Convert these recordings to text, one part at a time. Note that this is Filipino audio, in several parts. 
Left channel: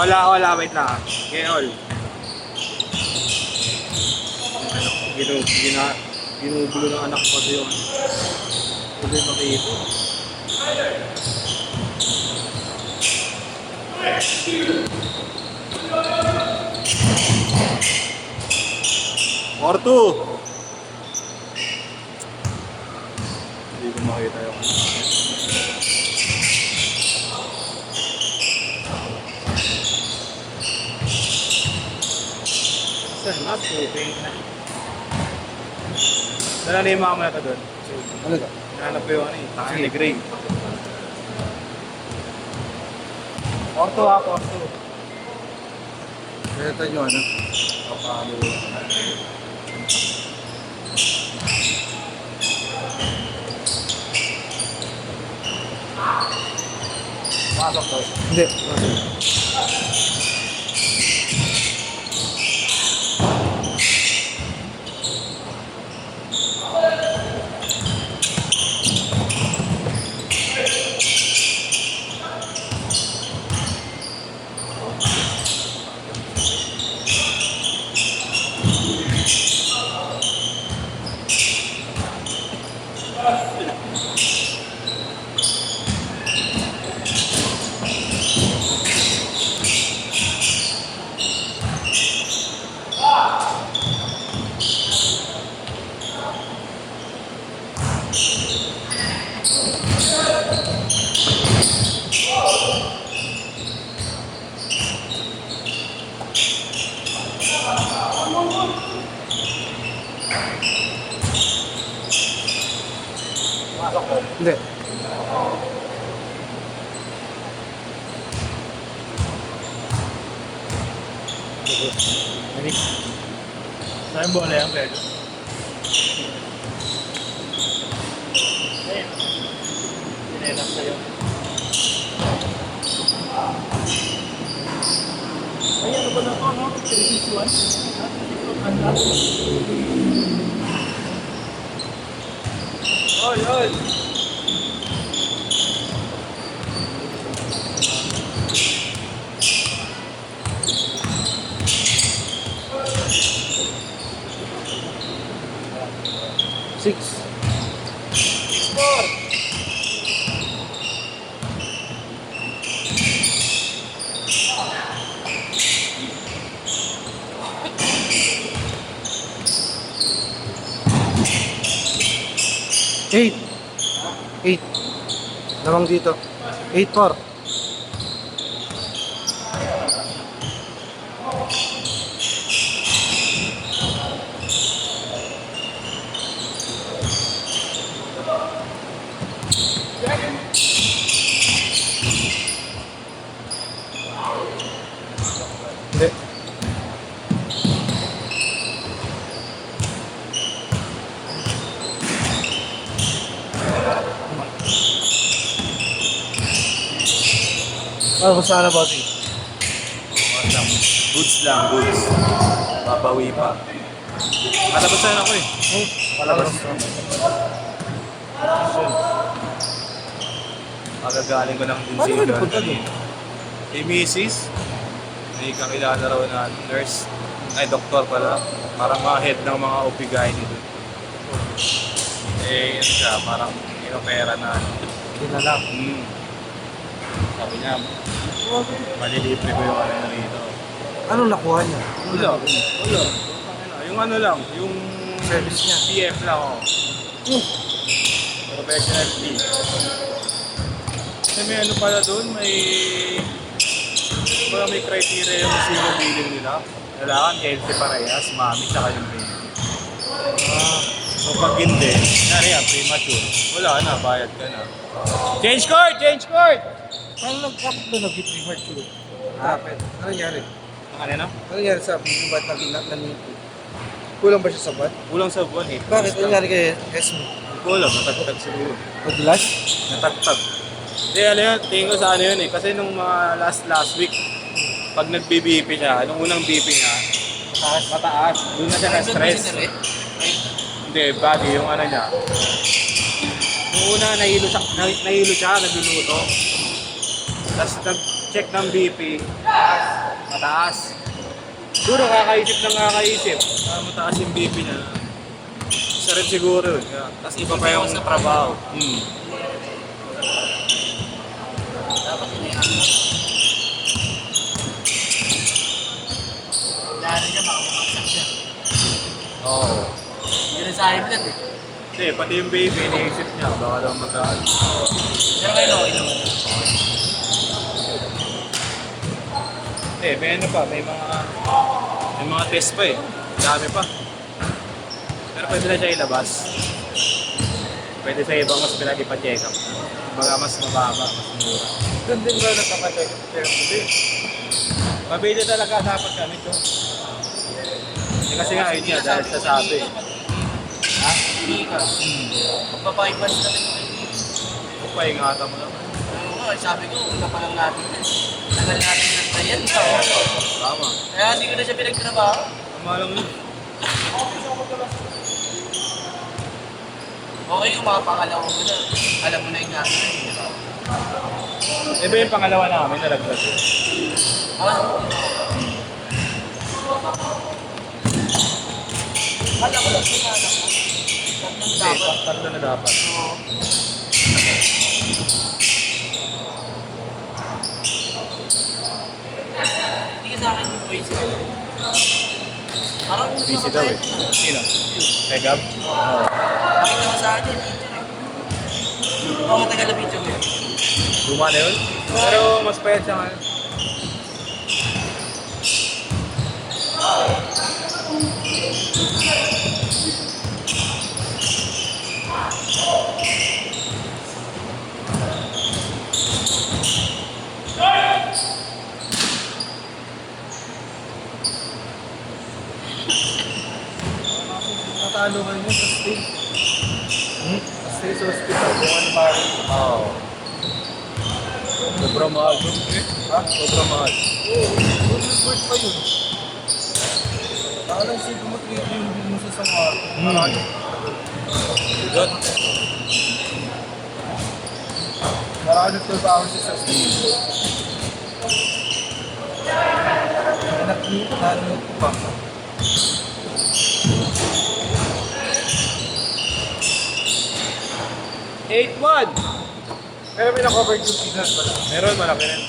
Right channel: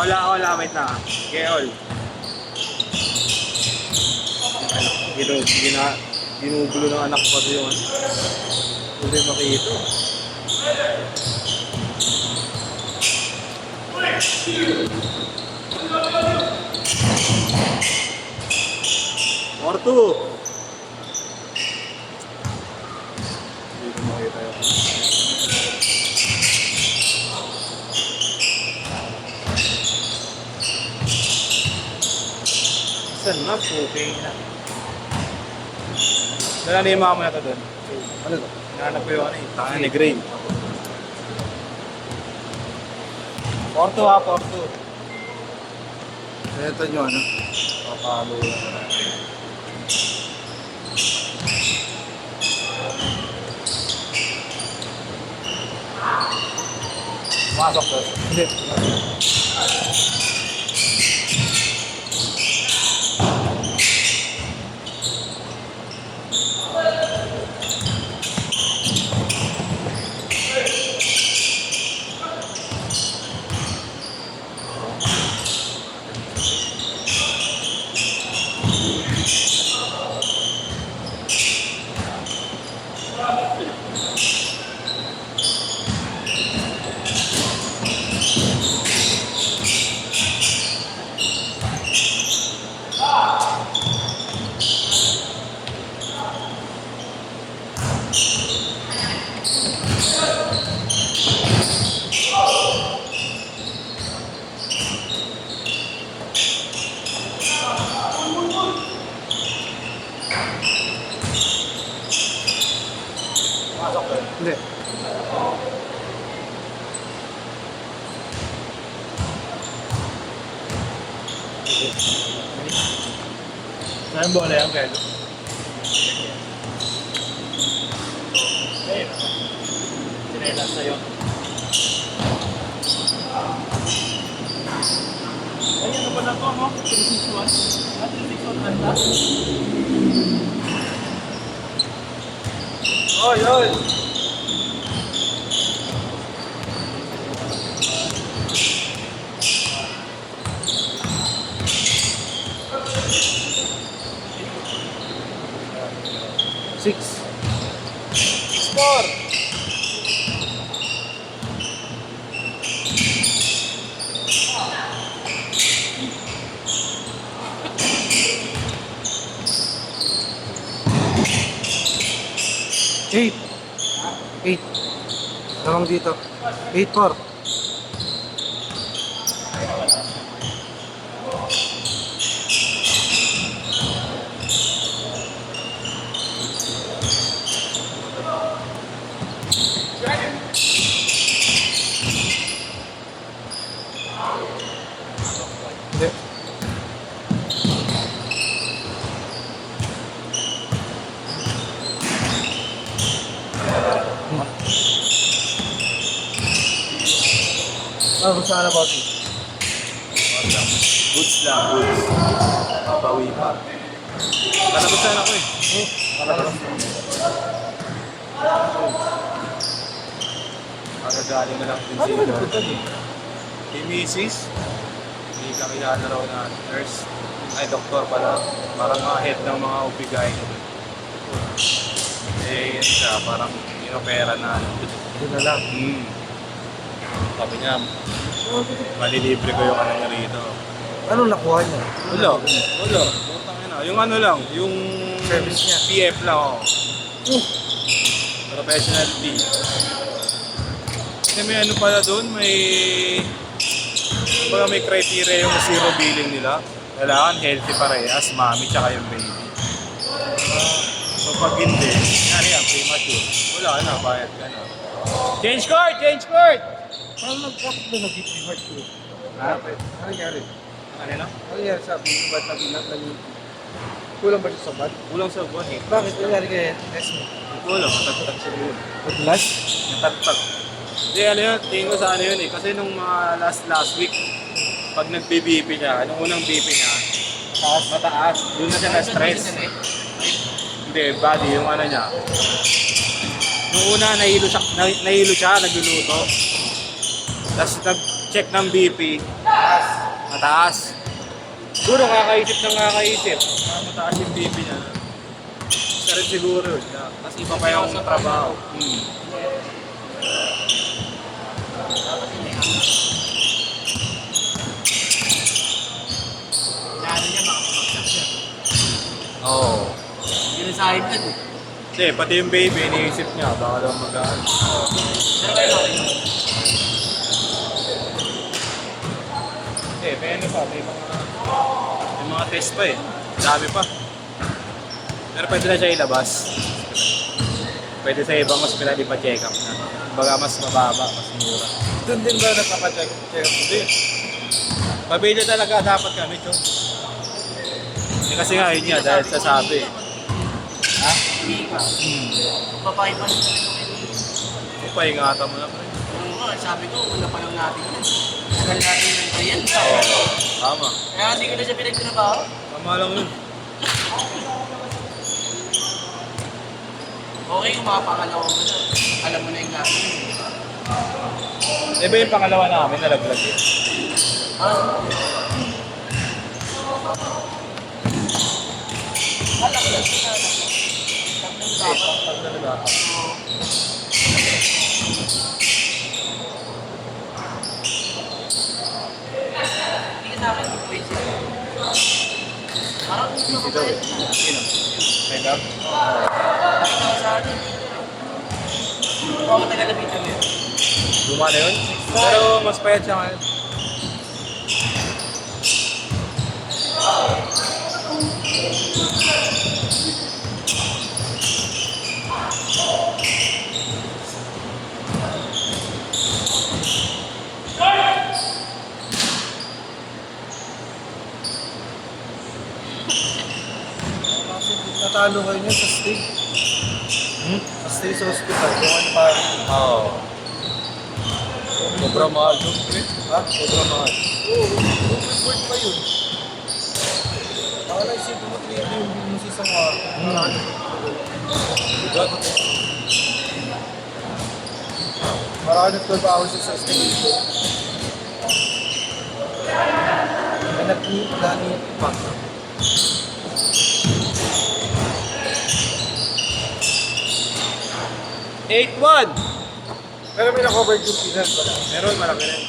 Wala, wait lang. Okay, all. Ginugulo ng anak ko yun. Hindi makita. Or two. Hindi ko makita. Saan na po? Dala na yung mga mayata doon. Ano ba? Nahanap ko yung ano eh. Tangan ni Gray. Orto ha, orto. Kaya nyo ano? Palo. Pasok ko. Hindi. Pasok ko. Hindi. Saan yung bola yan, Pedro? Ayun, nasa iyo. Ay, ano ba na ito, no? 361. Oy, oy! Six. Score! Eight. Eight. Dalawang dito. 8-4. Hindi. Ano kung saan na ba? Goods lang, goods. Mabawi pa. Nalabasan ako eh. Palabas. Magagaling ko lang din Ano ba nagpunta doon? Kay Mrs. May kakilala raw na nurse. Ay, doktor pala. Parang mga head ng mga OB-GYN. Eh, yun siya, parang inopera na ano. Yun na lang. Sabi niya, malilibre ko yung ano na rito. Anong nakuha niya? Wala. Yung ano lang, yung Service niya. PF lang ako. Professional fee. Kasi may ano pala doon, may criteria yung zero billing nila. Kailangan healthy parehas, mami tsaka yung baby. So pag hindi, yan, premature. Wala na, bayad ka na. Change court! Change court! Ano lang kapag mo mag-gift reward ko? Ha? Ano nangyari? Ano na? Ano nangyari sa buwan na ginag? Kulang ba siya sa buwan? Kulang sa buwan eh. Bakit? Ano nangyari kay Esmo? Hindi ko alam, matagtag siguro. Paglas? Natagtag. Hindi, ano yun, tingin ko sa ano yun eh. Kasi nung mga last week, pag nag-BP niya, nung unang BP niya, mataas. Doon na siya na-stress. Hindi, body, yung ano niya. Nung una, nahilo siya, nagluluto. Tapos check ng BP, mataas. Siguro kakaisip ng kakaisip, mataas yung BP na. Isa rin siguro. Tapos iba pa yung trabaho. Plano niya baka bumagsak siya. Oo. Yun ang sa high blood eh. Kasi pati yung baby, iniisip niya, baka daw magaan. Pero kayo okay naman. May ano pa, may mga test pa eh. Dami pa. Pero pwede na siya ilabas. Pwede sa ibang mas pinag ipa-check up. Baga mas mababa, mas mura. Doon din ba nagkakacheck? Hindi. Pabili talaga dapat kami ito. Kasi nga yun niya, dahil sa sabi. Ha? Hindi ka. Magpa-5 months na rin okay. Paingatan mo lang. Oo nga, sabi ko, una pa lang natin yan. Tagal natin yung tayan. Tama. Kaya hindi ko na siya pinagtrabaho. Tama lang yun. Okay kung makapakalawa mo na. Alam mo na yung nasa. Iba yung pangalawa namin, nalaglag yun. Ah, Kala ko lang sila na. Tatlo na dapat. Hindi ka sa akin yung crazy. Parang Busy daw eh. Sino? Kay Gab? may ka sa atin. Oo, matagal na video mo yun. Luma na yun? Pero mas payat siya ngayon. Natalo kayo niya sa state. Sa state sa hospital. Oo. Sobrang mahal doon, pre. Ha? Sobrang mahal. Oo, report pa yun. Parang isipin mo 3 yung bill mo sa isang araw. Marami. Good. Marami 12 hours sa state. Nag-meet pa. Eight one. Pero may na-cover yung figures pala. Meron, malaki rin.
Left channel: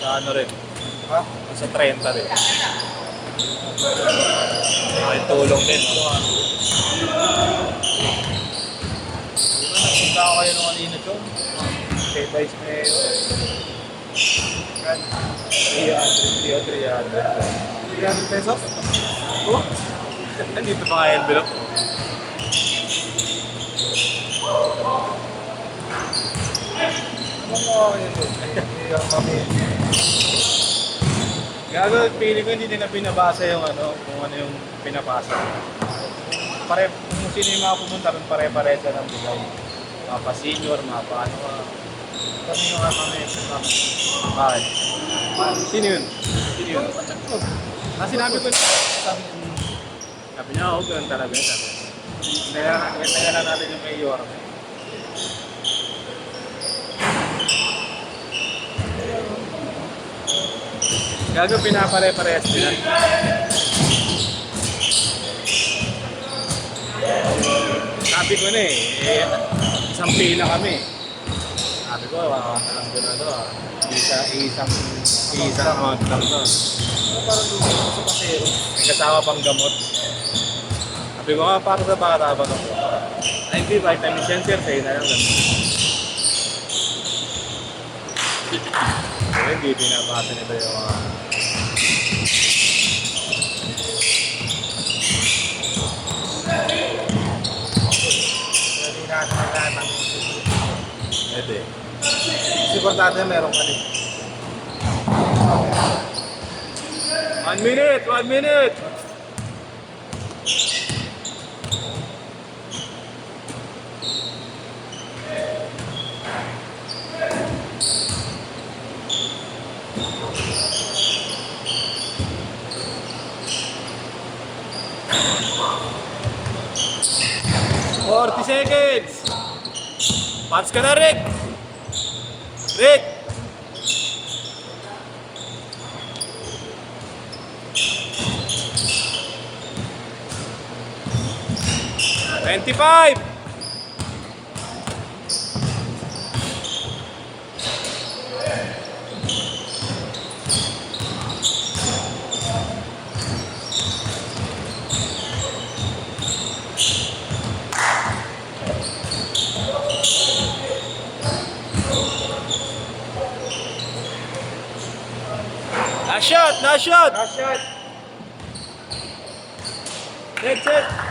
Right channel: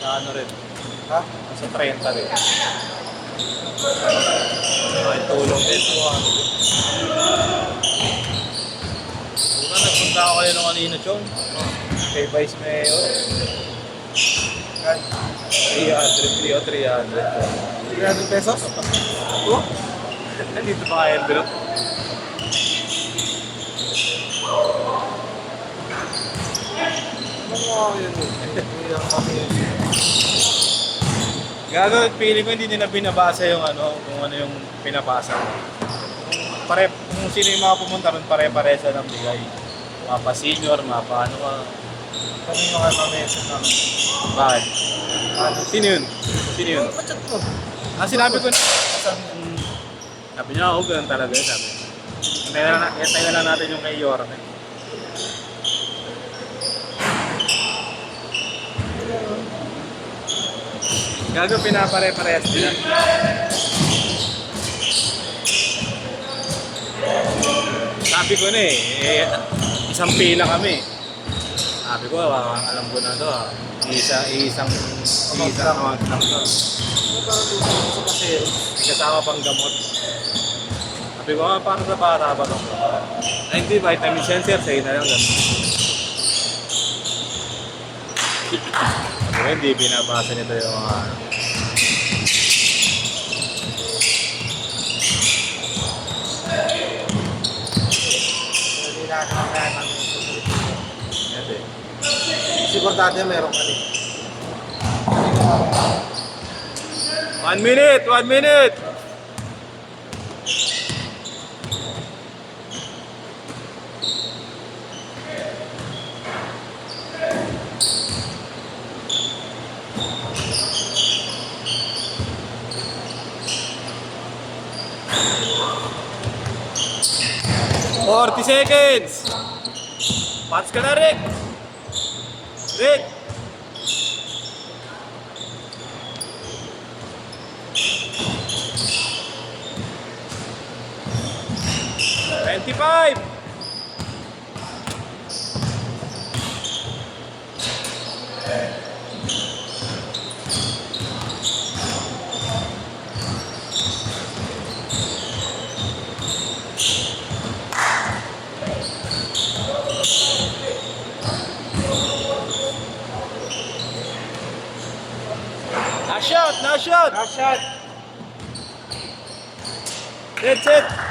Sa ano rin. Ha? Sa 30 rin. May tulong din. Nagpunta ko kayo nung kanina, Chong. Kay Vice Mayor. 300 o 300. 300 pesos? Oh? Nandito pa nga envelope. Ano nga yun eh? Iyak kami. Gago, feeling ko hindi nila binabasa yung ano, kung ano yung pinapasa. Kung sino yung mga pumunta ron, pare-pare sa ng bigay. Mga pa-senior, mga pa-ano. Kami mga kami. Bakit? Sino yun? Sino yun? Sinabi ko na. Sabi niya, oo, ganun talaga. Sabi. Hintayin na natin yung mayor. Gago, pinapare-parehas nila. Sabi ko na isang pila kami. Sabi ko, alam ko na to. Isang amount lang to. Ano parang dito sa kasero? May kasama pang gamot. Sabi ko, para sa bata ba itong gamot? Ay, hindi, vitamin sensor, sa'yo na lang gamot. Pero hindi binabasa nito yung mga... Pero di na nakakaya ng Ito eh. sigurado meron ka rin. 1 minute! 1 minute! ¡40 seconds! Paps ka na, Rick! Rick! 55! Last shot! Last shot! Last shot. That's it!